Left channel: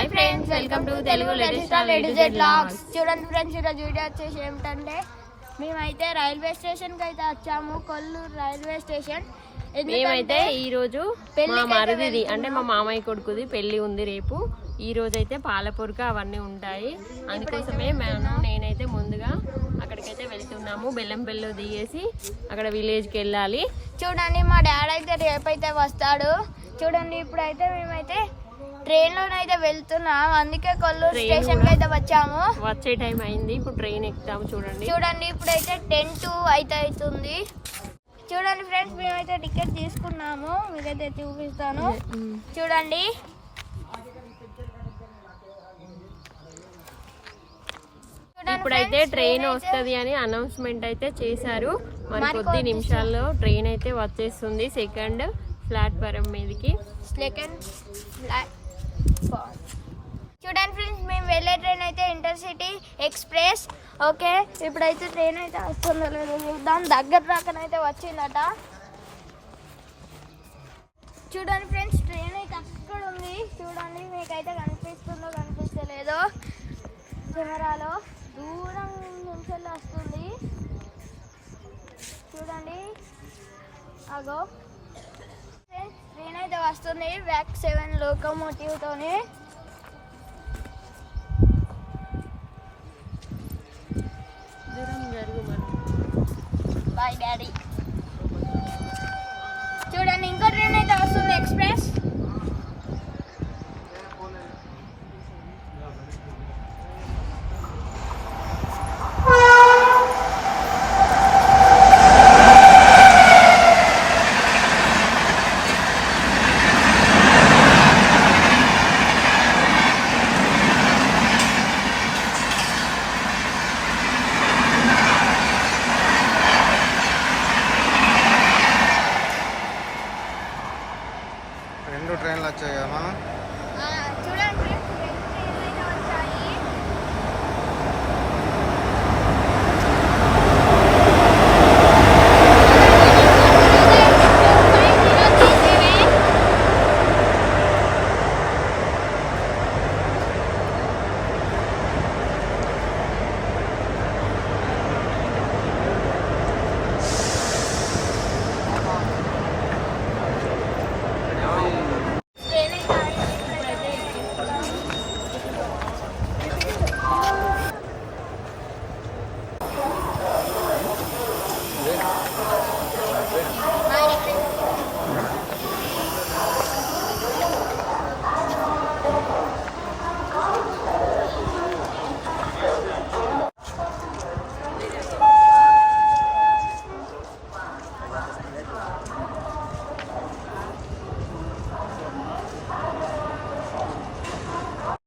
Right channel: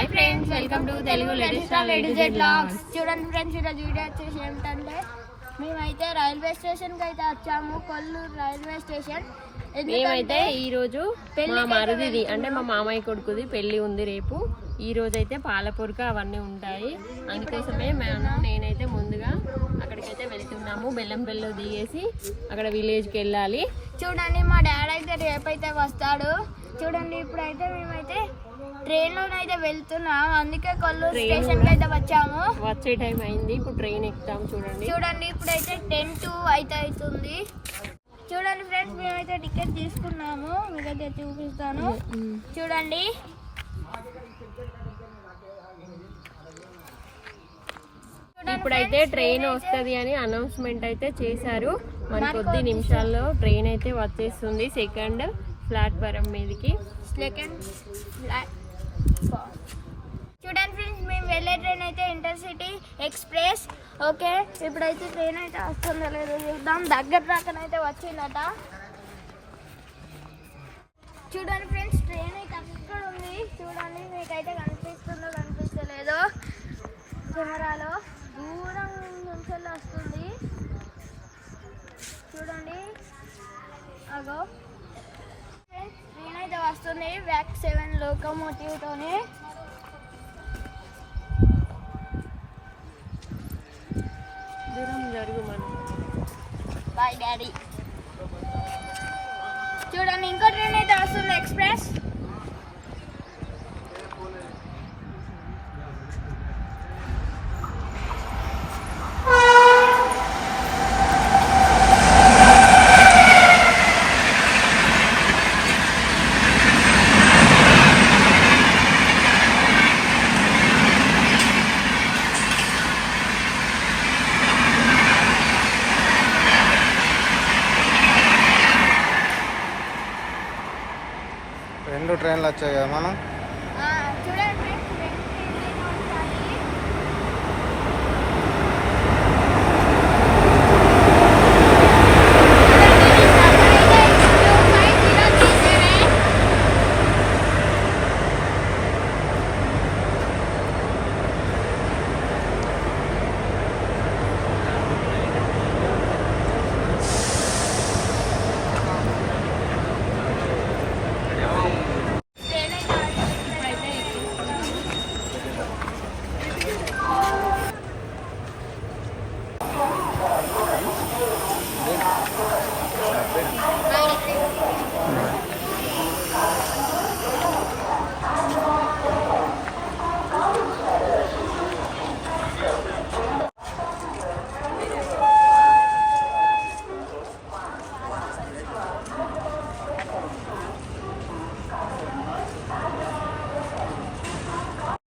Hi friends welcome to Telugu latest blogs చూడండి friends ఈరోజు video వచ్చేసి ఏమిటంటే మేమైతే రైల్వే స్టేషన్కి అయితే వచ్చాము కొల్లూరు రైల్వే స్టేషన్. మేమైతే ఈ రోజు మా మరుదిది అంటే మా మామయ్య కొడుకుది పెళ్ళి ఉంది రేపు. ఈ రోజు అయితే పాలపూరక అవన్నీ ఉంటాయి. అందుకోసమే మేము నేనైతే ముందుగా అక్కడికైతే వెళ్తున్నాము. బెల్లంపల్లిలో దిగేసి అక్కడ విలేజ్కి వెళ్ళాలి. చూడండి మా డాడీ అయితే రేపైతే వస్తాడు. చూడండి ఇప్పుడైతే మేమైతే ట్రైన్ లోనైతే వెళ్తున్నాం. అందుకే కొల్లూరు స్టేషన్ అయితే వచ్చాము. వచ్చే టైం అయింది. ఇప్పుడు ట్రైన్ ఎక్కుతాము చూడండి. చూడండి ఇప్పుడైతే టెన్ టు అయితే అవుతుంది చూడండి ఫ్రెండ్స్ మేమైతే టికెట్ తీసుకున్నాము. మీకైతే చూపిస్తాను. ఉమ్. చూడండి. ఇప్పుడైతే ట్రైన్ వస్తది అని అనౌన్స్మెంట్ అయితే చేశారు. మరి కొద్ది కొద్ది నిమిషాల్లో ట్రైన్ అయితే వచ్చేస్తుంది. సెకండ్ ప్లాట్ఫారం మీదకి. సెకండ్ చూడండి ఫ్రెండ్స్ మేము వెళ్ళే ట్రైన్ అయితే ఇంటర్సిటీ ఎక్స్ప్రెస్. ఓకే ఇప్పుడైతే ట్రైన్ అయితే వస్తుందో లేదో చూద్దాం. దగ్గర రాకనైతే వచ్చిందట. చూడండి ఫ్రెండ్స్ ట్రైన్ అయితే అక్కడ ఉంది. చూడండి మీకైతే కనిపిస్తుందో కనిపిస్తలేదో. కెమెరాలో దూరం నుంచి వస్తుంది. చూడండి. అగో. వస్తుంది వ్యాక్ సెవెన్ లోకోమోటివ్ తోని. దూరం జరుగు మనం బాయ్ డాడీ చూడండి ఇంకో ట్రైన్ అయితే వస్తుంది ఎక్స్ప్రెస్ రెండు ట్రైన్లు వచ్చాయి కదా మనం?